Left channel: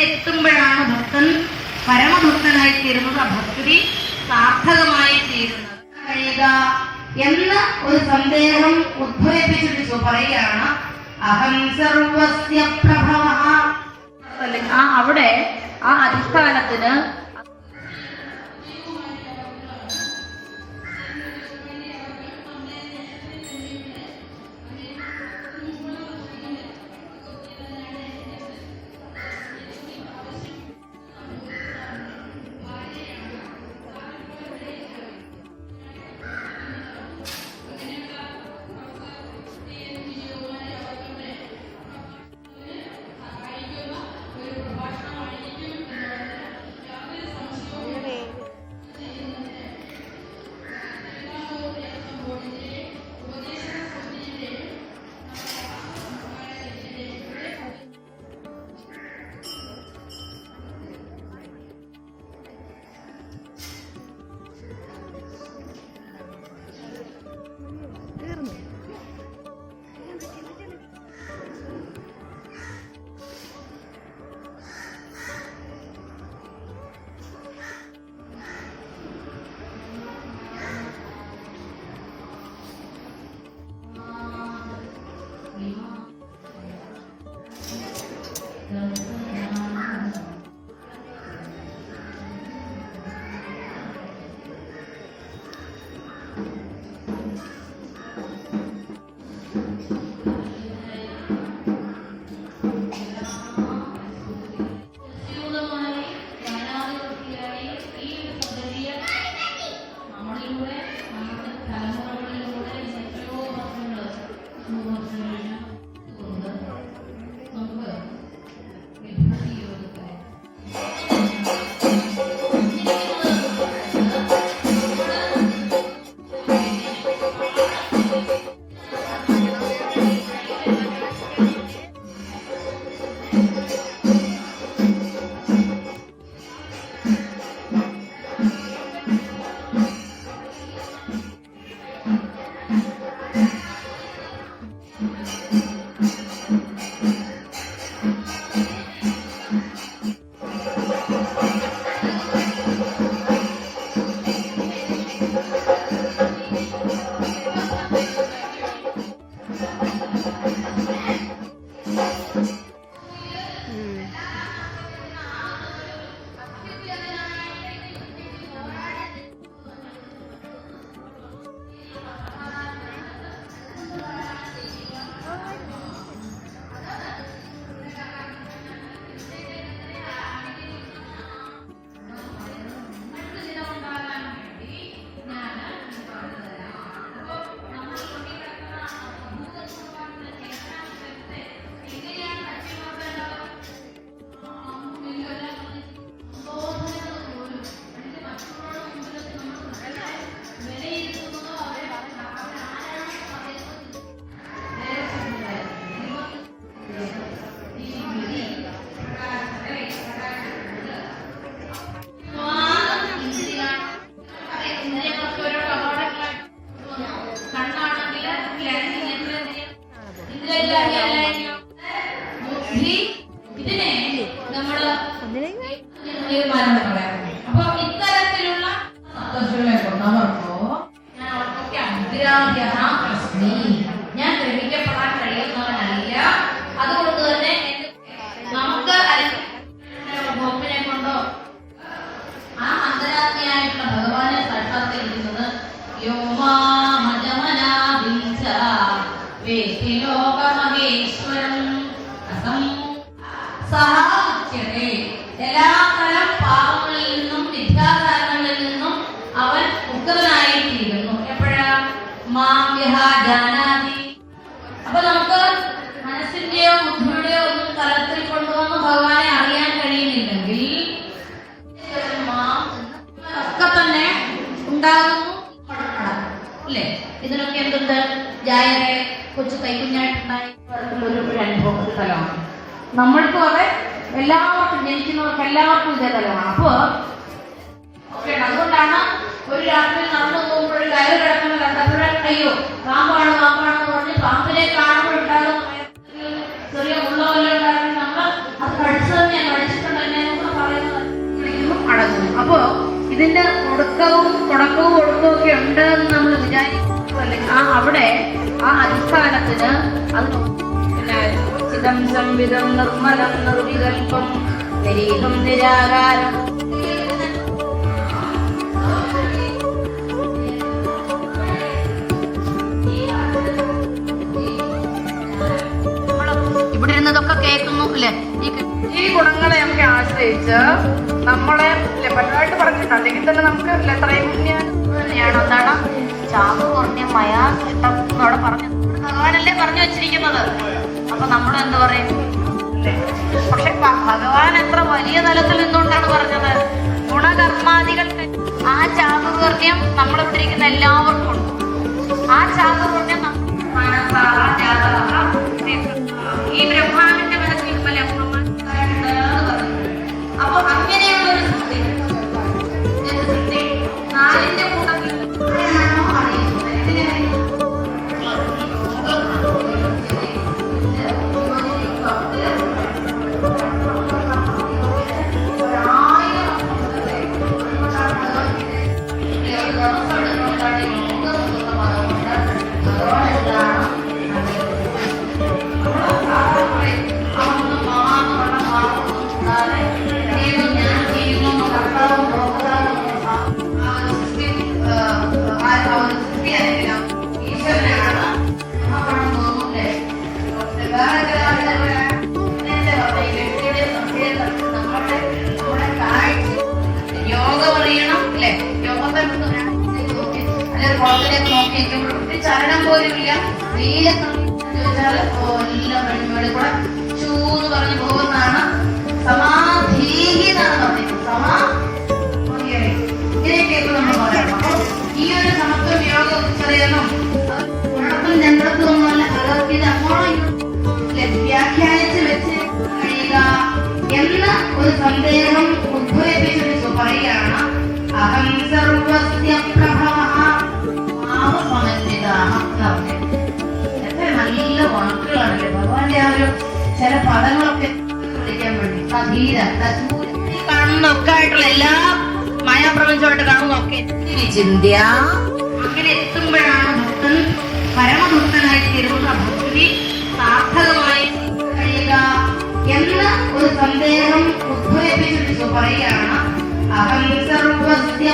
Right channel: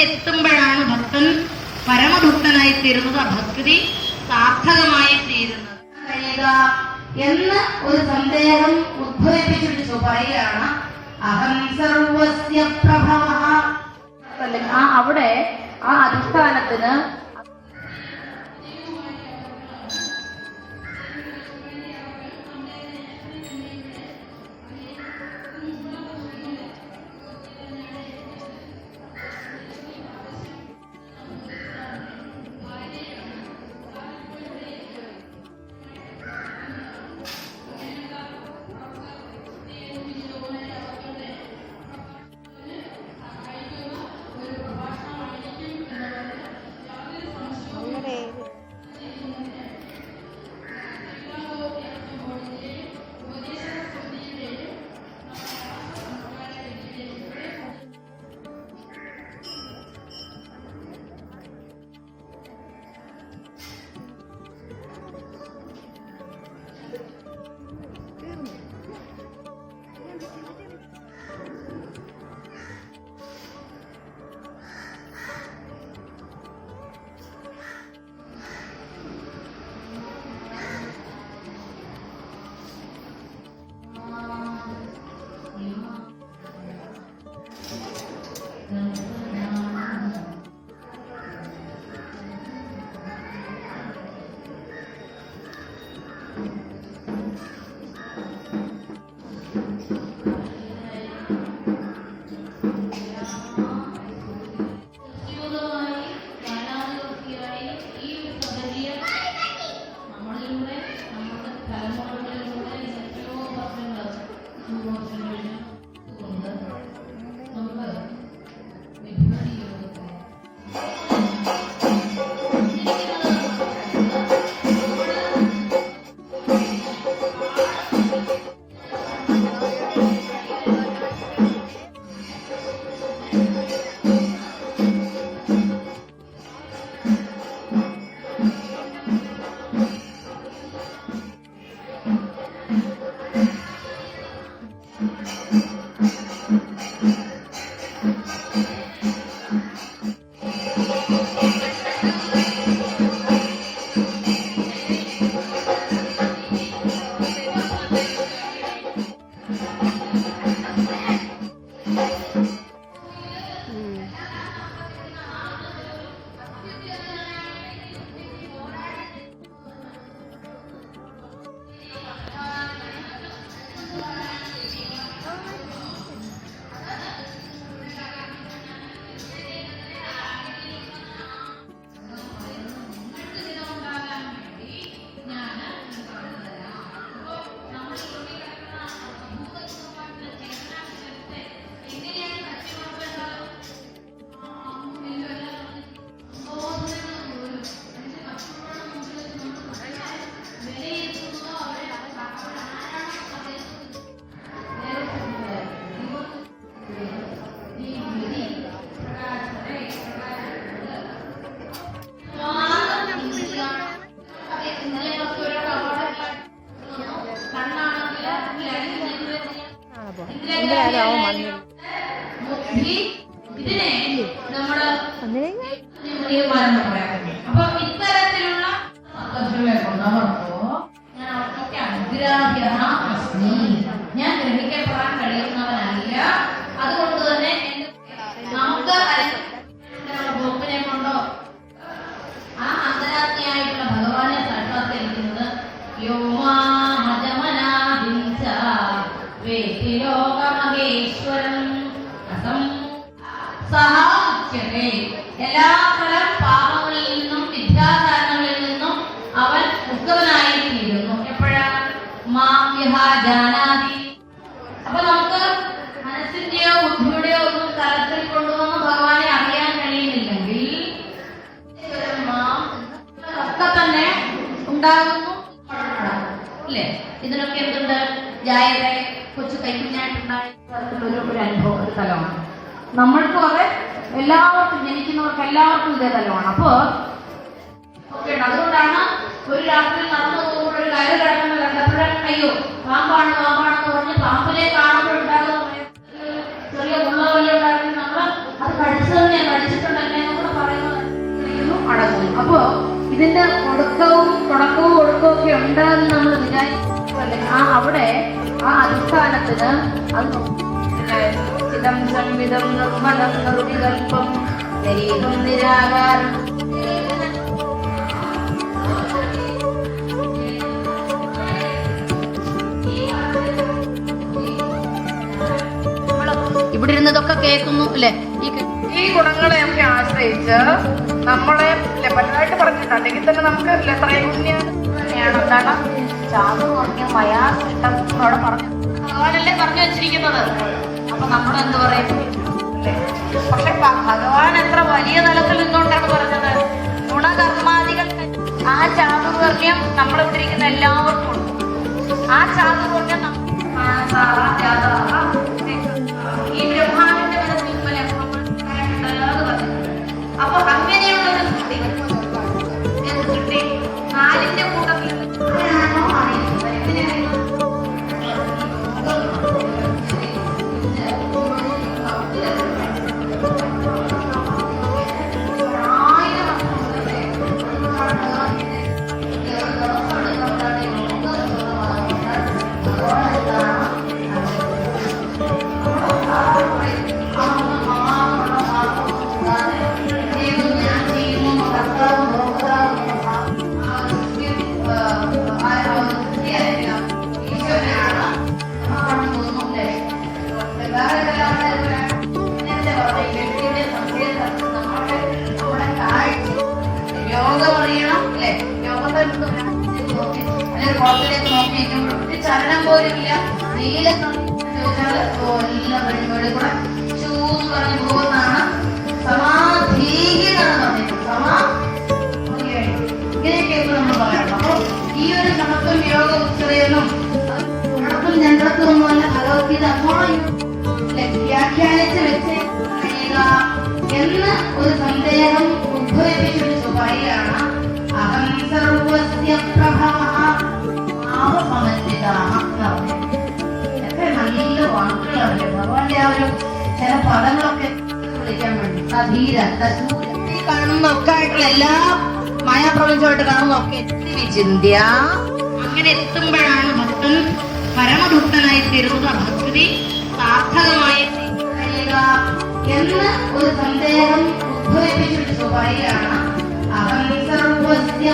അവിടെ എത്തുമ്പോഴാണ് ഭക്തൻ പരമഭക്തനായി തീരുന്നത്, ഭക്തി സാർത്ഥകമായി തീരുന്നത്. കഴിയുക എന്ന ഒരു സന്ദേഹം ഉദ്ഭവിപ്പിച്ചിട്ട് പറയുകയാണ് അഹം സർവസ്യ പ്രഭവഃ. അവിടെ ആ അധിഷ്ഠാനത്തിന് അപ്പൊ ഇത്തരത്തിലുള്ള ഞാൻ ഗ്രഹിക്കപ്പെടാൻ കഴിയുന്നവനല്ല. അതുകൊണ്ട് തന്നെ നമുക്ക് ബോക്കിനെ കൊണ്ടോ ആ അന്തരാത്മയായിട്ടുള്ള ഭഗവാനെ സാക്ഷാത്കരിക്കുന്നത് എല്ലാത്തരം പാപങ്ങളിൽ നിന്നും വിദ്യാധാരണങ്ങളിൽ നിന്നും അവൻ മുക്തനായി തീരുന്നു. എപ്പോഴാണ് ജാനാതി. അപ്പൊ നമുക്ക് മനസ്സിന്റെയോ ബുദ്ധിയുടെയോ ഒന്നും തലത്തിൽ കൊണ്ടുവന്ന് ഭഗവാനെ അറിയാൻ കഴിയുന്നില്ലെങ്കിൽ ഒക്കെ തന്നെ ഉണ്ടാകുന്നു ഇല്ലേ? ഇതിനൊക്കെ എന്തുണ്ട്? ജായരെ കൊച്ചു കൈക്കുഞ്ഞായിട്ടുണ്ടായി ഒരു അനുഭവം, ഒരു തലമാണ്. നമ്മൾക്കും അതെ, എല്ലാവർക്കും ജനിക്കുന്നവർക്ക് എല്ലാവർക്കും ഇതേ തലമാണ്. അപ്പോ ഓക്കെ, അതുകൊണ്ടാണ് ഒരു രാത്രി നടന്നു പോകുമ്പോൾ ഒരു കയറ് കിടക്കുന്ന കണ്ടപ്പോഴേ അയ്യോ പാമ്പാണെന്ന് പറഞ്ഞ് പാമ്പിനെ കാണുമ്പോൾ ഉണ്ടാകുന്ന ചെറിയ ഉള്ളവല്ലോ ഉണ്ടാകുന്ന നമ്മൾ അത് കടിച്ചു തന്നെയാണ്, കടിച്ചിട്ടുണ്ട് ഇതിന്റെ തുടക്കവും ഒടുക്കവും ഒക്കെ ഉണ്ട് എന്ന് നമ്മൾ വിചാരിക്കുമല്ലേ, അവിടെ ആ അടിസ്ഥാനത്തിന് അത് ചിദം സംവിധം നിർമ്മലം നിർവികൽപ്പം നിരീഹം നിരാകാരം ഇവിടെ ഇരുന്നതൊക്കെ കേൾക്കുന്നു അല്ലെ. ഈ ഗുണങ്ങളെ ഒക്കെ ആശ്രയിച്ച് നമ്മളെ പരമായിട്ട് പറഞ്ഞു, അല്ലെങ്കിൽ തന്നെ നമുക്ക് തന്നെയാണ് എന്താണ് ചാതുർവർണ്ണ്യം മയാസൃഷ്ടം അവിടെ പറഞ്ഞു ഭഗവാനല്ലേ പറഞ്ഞു വെച്ചിരിക്കുന്നത്. അപ്പൊ നമ്മളെന്താ പറയും? പക്ഷെ ഭഗവാൻ എത്ര വലിയ തലത്തിൽ നിന്നുകൊണ്ടാണ് പറഞ്ഞത്? ഗുണകർമാദികൾ ആ ചാതുർവർണ്ണ്യം നമ്മളിവിടെ ഇരിക്കുന്ന എല്ലാവർക്കും ഉണ്ട്. ആ ചാതുർവർണ്ണ്യം ഈ ബ്രഹ്മാവിന്റെ മനസ്സിൽ അപ്പൊ അങ്ങനെയുള്ളൊരു സൃഷ്ടി നാലിന്റെ കൂട്ടത്തിൽ ചലനം പോലുമില്ല. നീലൊക്കെ ചോദിച്ചാൽ എല്ലാം വഴിപാട് കൂടെ ചൂന്ന് പറഞ്ഞു പോകുന്നതാണ് സമാധീഹിതാണ് പറയുന്നത്. ഇങ്ങനെയൊക്കെ നമ്മൾ പറയണം. അപ്പൊ ഈ ഒരു സമത്വം യോഗ ഉത്തരേന്നും ഉഴപ്പും ചന്ദ്രത്വം ഒന്നുമല്ല ഭഗവത്ഗീത അങ്ങോളം വ്യാഖ്യാനിച്ച് വെച്ച് കഴിയുക എന്ന ഒരു സന്ദേഹം ഉദ്ഭവിപ്പിച്ചു പറയുകയാണ്. അഹം സർവസ്യ പ്രഭവഃ എത്ര നല്ല വാക്കുകളാണ് ഭഗവാന്റെ ആ ഒരു ചില പദങ്ങളൊക്കെ വിളിക്കാൻ വേണ്ടി. സധീര കാണുന്ന ഒക്കെ ആയിട്ടുള്ള എല്ലാ മായാപ്രപഞ്ചമായിട്ട് കാണുന്ന ഒക്കെ ചിന്ത്യ അങ്ങനെ എത്തുമ്പോഴാണ് ഭക്തൻ പരമഭക്തനായി തീരുന്ന ഭക്തി സാർത്ഥകമായി കഴിയുക എന്ന ഒരു സന്ദേഹം ഉദ്ഭവിപ്പിച്ചു പറയുകയാണ്. അഹം സർവസ്യ